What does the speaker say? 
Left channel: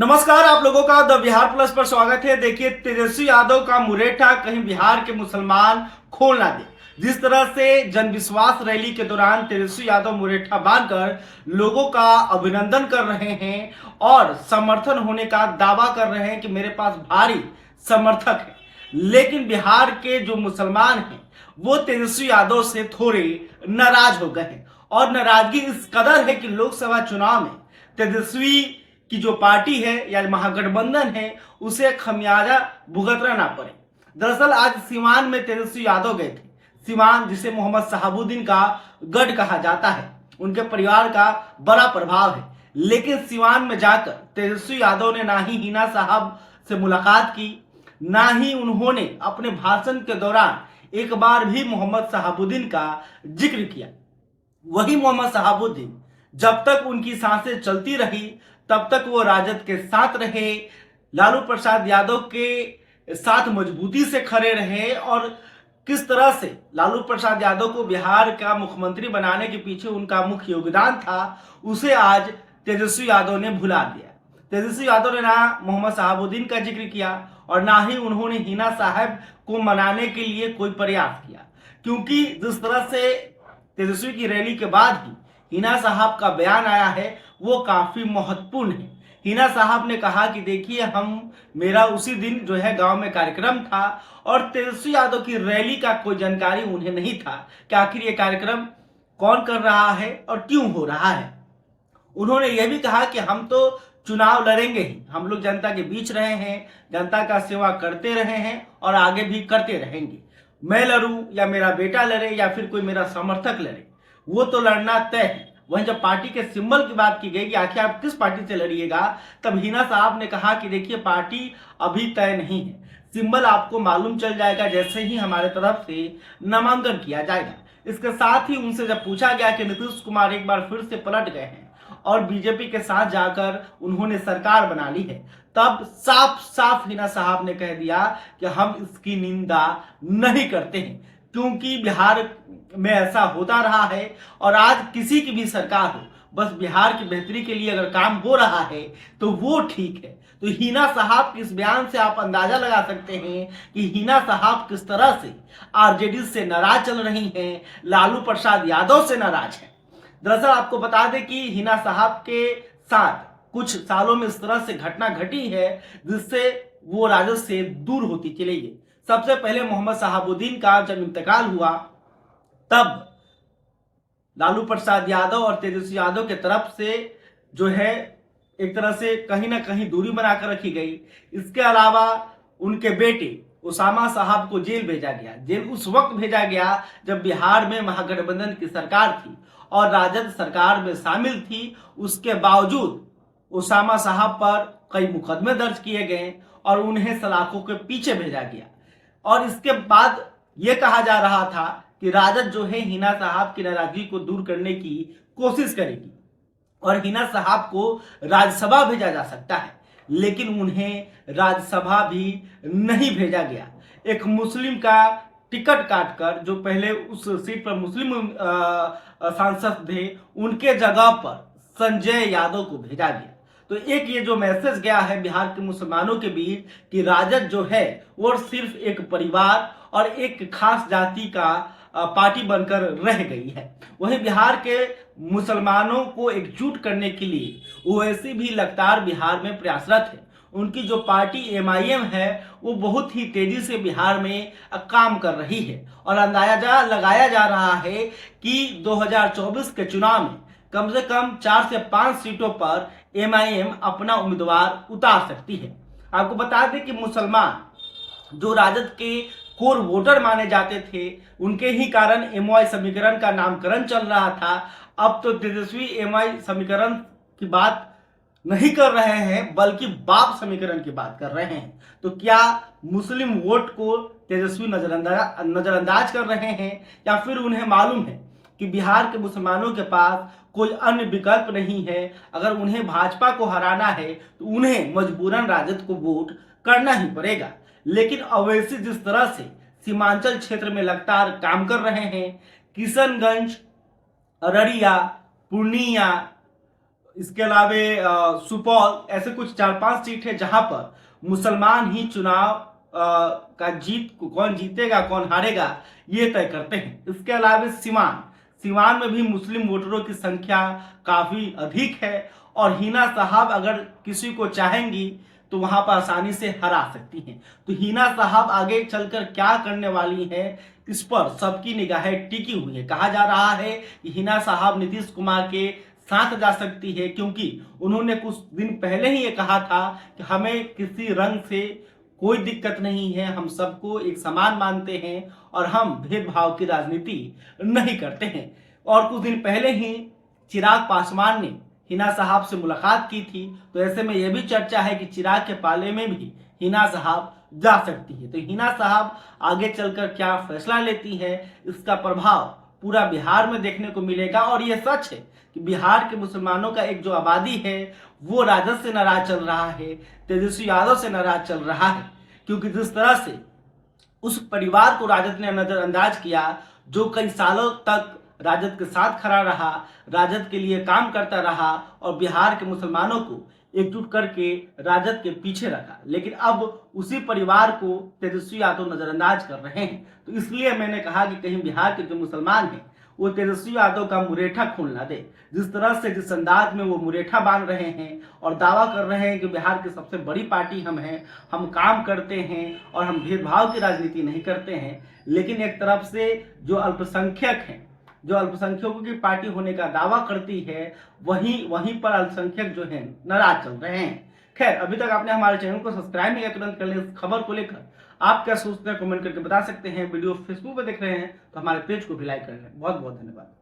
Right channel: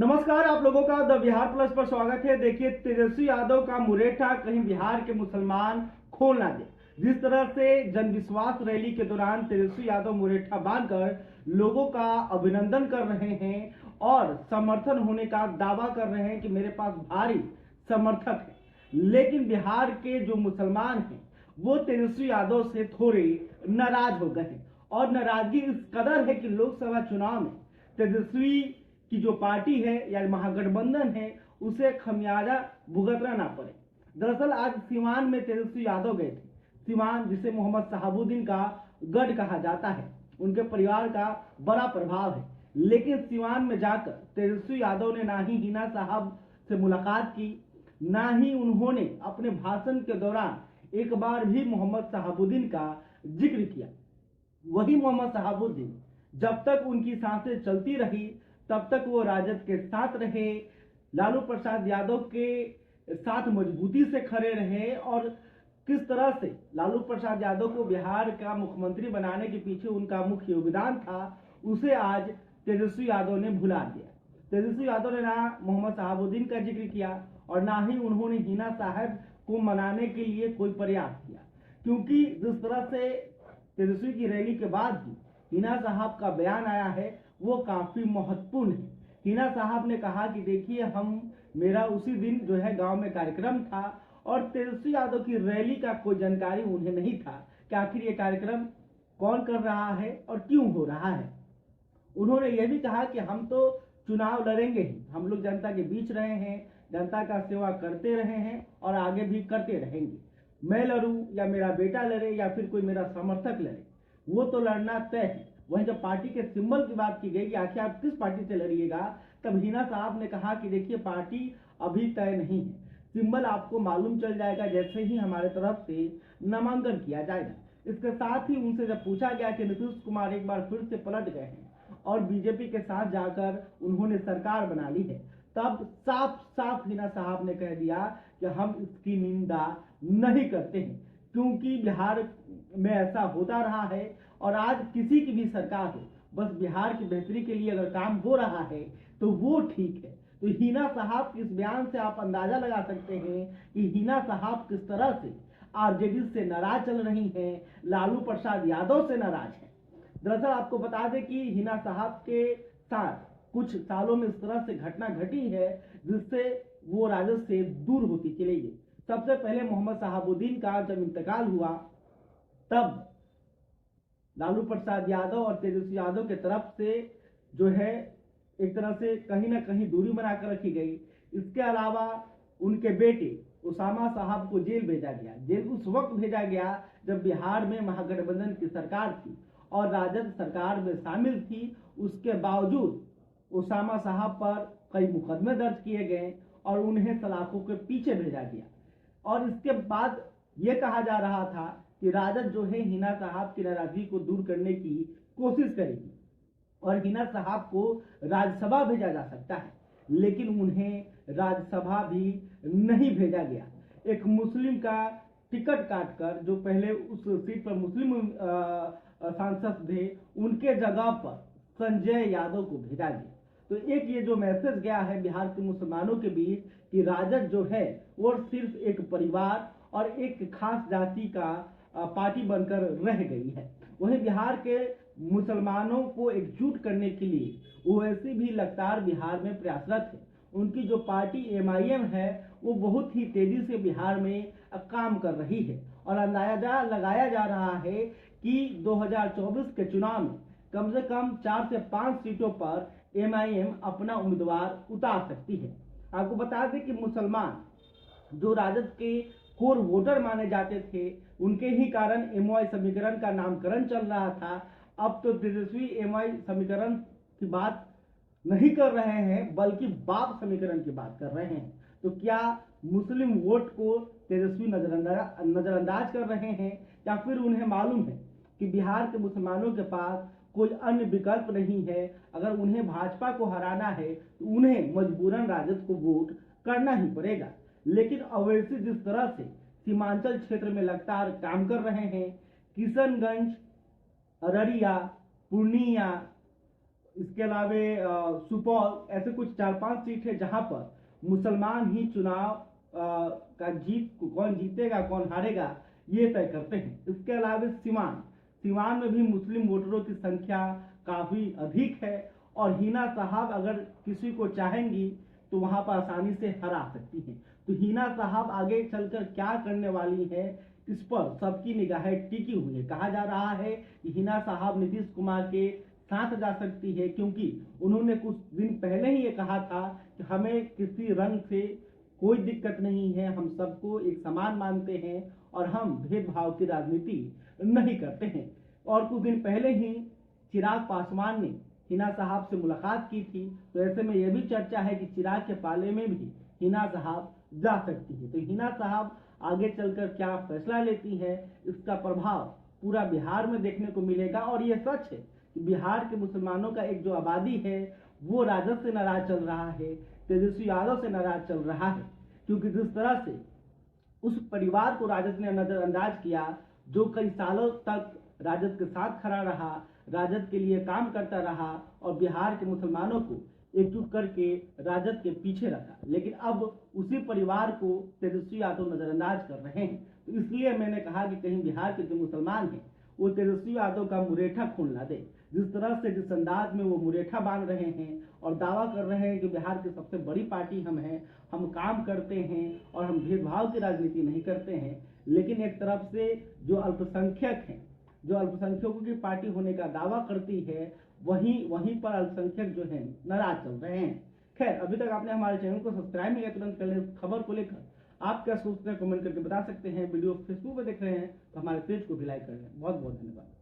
नमस्कार, आप लोगों का द बिहार प्लस पर स्वागत है। देखिए, तेजस्वी यादव का मुरेठा कहीं बिहार के मुसलमान खोल ना दे। जिस तरह से जन विश्वास रैली के दौरान तेजस्वी यादव मुरेठा बांधकर लोगों का अभिनंदन कर रहे हैं और समर्थन होने का दावा कर रहे हैं कि मेरे पास भारी समर्थक है, लेकिन बिहार के जो मुसलमान हैं वो तेजस्वी यादव से थोड़े नाराज हो गए हैं। और नाराजगी इस कदर है कि लोकसभा चुनाव में तेजस्वी की जो पार्टी है या महागठबंधन है उसे खमियाजा भुगतना ना पड़े। दरअसल आज सीवान में तेजस्वी यादव गए थे। सीवान, जिसे मोहम्मद शहाबुद्दीन का गढ़ कहा जाता है, उनके परिवार का बड़ा प्रभाव है, लेकिन सीवान में जाकर तेजस्वी यादव ने ना ही हिना साहब से मुलाकात की, ना ही उन्होंने अपने भाषण के दौरान एक बार भी मोहम्मद शहाबुद्दीन का जिक्र किया। वही मोहम्मद शहाबुद्दीन जब तक उनकी सांसें चलती रही तब तक वो राजद के साथ रहे, लालू प्रसाद यादव के साथ मजबूती से खड़े रहे और किस तरह से लालू प्रसाद यादव को बिहार का मुख्यमंत्री बनाने के पीछे उनका मुख्य योगदान था, उसे आज तेजस्वी यादव ने भुला दिया। तेजस्वी यादव ने ना मोहम्मद शहाबुद्दीन का जिक्र किया और ना ही उन्होंने हिना साहब को मनाने के लिए कोई प्रयास किया, क्योंकि जिस तरह से तेजस्वी की रैली के बाद ही हिना साहब का बयान आया है वो काफी महत्वपूर्ण है। हिना साहब ने कहा कि देखिए, मेरा उसी दिन जो है गांव में कार्यक्रम था और तेजस्वी यादव की रैली का कोई जानकारी उन्हें नहीं था कि आखिर ये कार्यक्रम कौन कर रहा है और क्यों हो रहा है। उन्होंने यह भी कहा कि हम तो चुनाव लड़ेंगे ही, हम लोग जनता के बीच रहे हैं, जनता का सेवा करते रहे हैं और आगे भी करते रहेंगे। मैं लड़ूं या मेरा बेटा लड़े या फिर कोई मेरा समर्थक लड़े, वो तो लड़ना तय है। वहीं जब पार्टी के सिंबल की बात की गई कि आखिर आप किस पार्टी से लड़िएगा, तब हिना साहब ने कहा कि देखिए, पार्टी अभी तय नहीं है, सिंबल आपको मालूम चल जाएगा जैसे ही हमारे तरफ से नामांकन किया जाएगा। इसके साथ ही उनसे जब पूछा गया कि नीतीश कुमार एक बार फिर से पलट गए हैं और बीजेपी के साथ जाकर उन्होंने सरकार बना ली है, तब साफ साफ हिना साहब ने कह दिया कि हम इसकी निंदा नहीं करते हैं, क्योंकि बिहार में ऐसा होता रहा है और आज किसी की भी सरकार हो, बस बिहार की बेहतरी के लिए अगर काम हो रहा है तो वो ठीक है। तो हिना साहब के इस बयान से आप अंदाजा लगा सकते हैं कि हिना साहब किस तरह से आरजेडी से नाराज चल रही हैं, लालू प्रसाद यादव से नाराज हैं। दरअसल आपको बता दें कि हिना साहब के साथ कुछ सालों में इस तरह से घटना घटी है जिससे वो राजद से दूर होती चली गई। सबसे पहले मोहम्मद शहाबुद्दीन का जब इंतकाल हुआ तब लालू प्रसाद यादव और तेजस्वी यादव के तरफ से जो है एक तरह से कहीं ना कहीं दूरी बनाकर रखी गई। इसके अलावा उनके बेटे उसामा साहब को जेल भेजा गया। जेल उस वक्त भेजा गया जब बिहार में महागठबंधन की सरकार थी और राजद सरकार में शामिल थी। उसके बावजूद उसामा साहब पर कई मुकदमे दर्ज किए गए और उन्हें सलाखों के पीछे भेजा गया। और इसके बाद यह कहा जा रहा था कि राजद जो है हिना साहब की नाराजगी को दूर करने की कोशिश करेगी और हिना साहब को राज्यसभा भेजा जा सकता है, लेकिन उन्हें राज्यसभा भी नहीं भेजा गया। एक मुस्लिम का टिकट काटकर, जो पहले उस सीट पर मुस्लिम सांसद थे, उनके जगह पर संजय यादव को भेजा गया। तो एक ये जो मैसेज गया है बिहार के मुसलमानों के बीच कि राजद जो है वो सिर्फ एक परिवार और एक खास जाति का पार्टी बनकर रह गई है। वहीं बिहार के मुसलमानों को एकजुट करने के लिए ओवैसी भी लगातार बिहार में प्रयासरत है। उनकी जो पार्टी एमआईएम है वो बहुत ही तेजी से बिहार में काम कर रही है और अंदाजा लगाया जा रहा है कि 2024 के चुनाव में कम से कम 4 से 5 सीटों पर एमआईएम अपना उम्मीदवार उतार सकती है। आपको बता दें कि मुसलमान जो राजद के कोर वोटर माने जाते थे, उनके ही कारण एमवाई समीकरण का नामकरण चल रहा था। अब तो तेजस्वी एमवाई समीकरण की बात नहीं कर रहे हैं बल्कि बाप समीकरण की बात कर रहे हैं। तो क्या मुस्लिम वोट को तेजस्वी नजरअंदाज कर रहे हैं या फिर उन्हें मालूम है कि बिहार के मुसलमानों के पास कोई अन्य विकल्प नहीं है, अगर उन्हें भाजपा को हराना है तो उन्हें मजबूरन राजद को वोट करना ही पड़ेगा। लेकिन ओवैसी जिस तरह से सीमांचल क्षेत्र में लगातार काम कर रहे हैं, किशनगंज, अररिया, पूर्णिया, इसके अलावा सुपौल, ऐसे कुछ 4-5 सीट है जहां पर मुसलमान ही चुनाव का कौन जीतेगा कौन हारेगा ये तय करते हैं। इसके अलावा सिवान में भी मुस्लिम वोटरों की संख्या काफी अधिक है और हिना साहब अगर किसी को चाहेंगी तो वहां पर आसानी से हरा सकती हैं। तो हिना साहब आगे चलकर क्या करने वाली है इस पर सबकी निगाहें टिकी हुई है। कहा जा रहा है कि हिना साहब नीतीश कुमार के साथ जा सकती है, क्योंकि उन्होंने कुछ दिन पहले ही ये कहा था कि हमें किसी रंग से कोई दिक्कत नहीं है, हम सबको एक समान मानते हैं और हम भेदभाव की राजनीति नहीं करते हैं। और कुछ दिन पहले ही चिराग पासवान ने हिना साहब से मुलाकात की थी, तो ऐसे में यह भी चर्चा है कि चिराग के पाले में भी हिना साहब जा सकती है। तो हिना साहब आगे चलकर क्या फैसला लेती है इसका प्रभाव पूरा बिहार में देखने को मिलेगा। और यह सच है कि बिहार के मुसलमानों का एक जो आबादी है वो राजद से नाराज चल रहा है, तेजस्वी यादव से नाराज चल रहा है, क्योंकि जिस तरह से उस परिवार को राजद ने नजरअंदाज किया जो कई सालों तक राजद के साथ खड़ा रहा, राजद के लिए काम करता रहा और बिहार के मुसलमानों को एकजुट करके राजद के पीछे रखा, लेकिन अब उसी परिवार को तेजस्वी यादव नजरअंदाज कर रहे हैं। तो इसलिए मैंने कहा कि कहीं बिहार के जो मुसलमान हैं वो तेजस्वी यादव का मुरेठा खोल ना दे। जिस तरह से जिस अंदाज में वो मुरेठा बांध रहे हैं और दावा कर रहे हैं कि बिहार की सबसे बड़ी पार्टी हम हैं, हम काम करते हैं और हम भेदभाव की राजनीति नहीं करते हैं, लेकिन एक तरफ से जो अल्पसंख्यक हैं, जो अल्पसंख्यकों की पार्टी होने का दावा करती है, वहीं पर अल्पसंख्यक जो है नाराज चल रहे हैं। खैर, अभी तक आपने हमारे चैनल को सब्सक्राइब नहीं किया, तुरंत कर ले। इस खबर को लेकर आप क्या सोचते हैं कमेंट करके बता सकते हैं। वीडियो फेसबुक पर देख रहे हैं तो हमारे पेज को भी लाइक कर लें। बहुत बहुत धन्यवाद।